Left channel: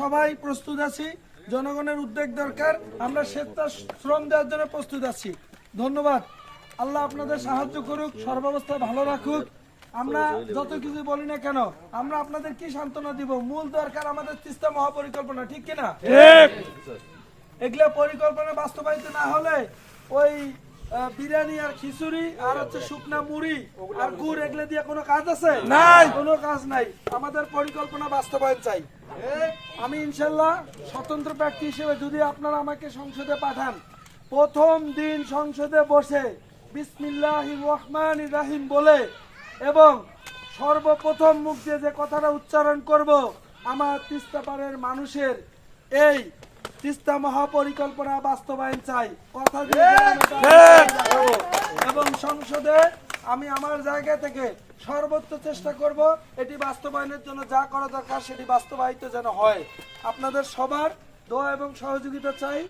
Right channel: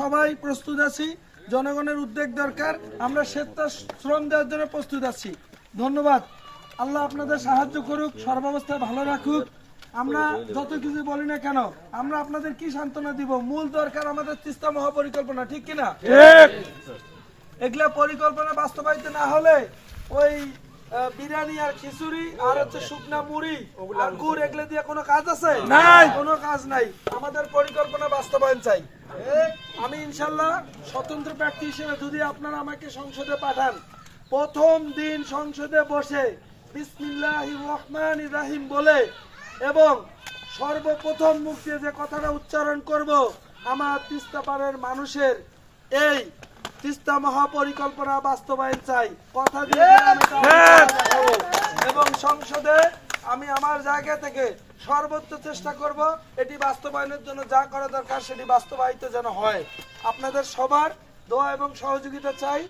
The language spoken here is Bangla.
সবাই প্রস্তুত আছি, জনগণের উদ্যোগ দরকার, আমরা শ্রম দেওয়ার জন্য প্রস্তুত আছি। ধন্যবাদ। আল্লাহ আপনাদের সাহায্য করুক, সর্বাবস্থায় ভালো রাখুক। আমরা যত কিছু বলি না কেন, আমরা আপনাদের কি সান্ত্বনা দিব? মূল দরকার আমাদের তিস্তা মহাপরিকল্পনা, ঠিক কিনা? এগুলা পরিকল্পনা বাস্তবায়িত না হলে ওই বিরিয়ানি আর খিচুড়ি আর হচ্ছে শুকনা মুড়ি আর গুড় এগুলো দিয়ে কোনো কাজ আছে? নাই, কোনো কাজ নাই। আমাদের পরিকল্পনা বাস্তবায়ন চাই। আমি ইনশাল্লাহ স্বতন্ত্র প্রার্থী হিসেবে যদি আপনারা আমাকে সংসদে পাঠান, প্রথম দিন সংসদে বসে বিসমিল্লাহির রহমানির রহিম বলে এবং সর্বপ্রথম মুখ দিয়ে যে কথাটা উচ্চারণ করব, আমার তিস্তা পাড়ের মানুষের এই তিস্তা মহাপরিকল্পনা বাস্তবায়ন চাই, কথা দিয়ে এবং সংসদে আমি আমার জায়গা থেকে সর্বোচ্চ চেষ্টা করব এটি বাস্তবায়নের জন্য যা করা দরকার সেটি বাস্তবায়িত যেন হয়। আপনাদের সবার দোয়া এবং সহযোগিতা চাই।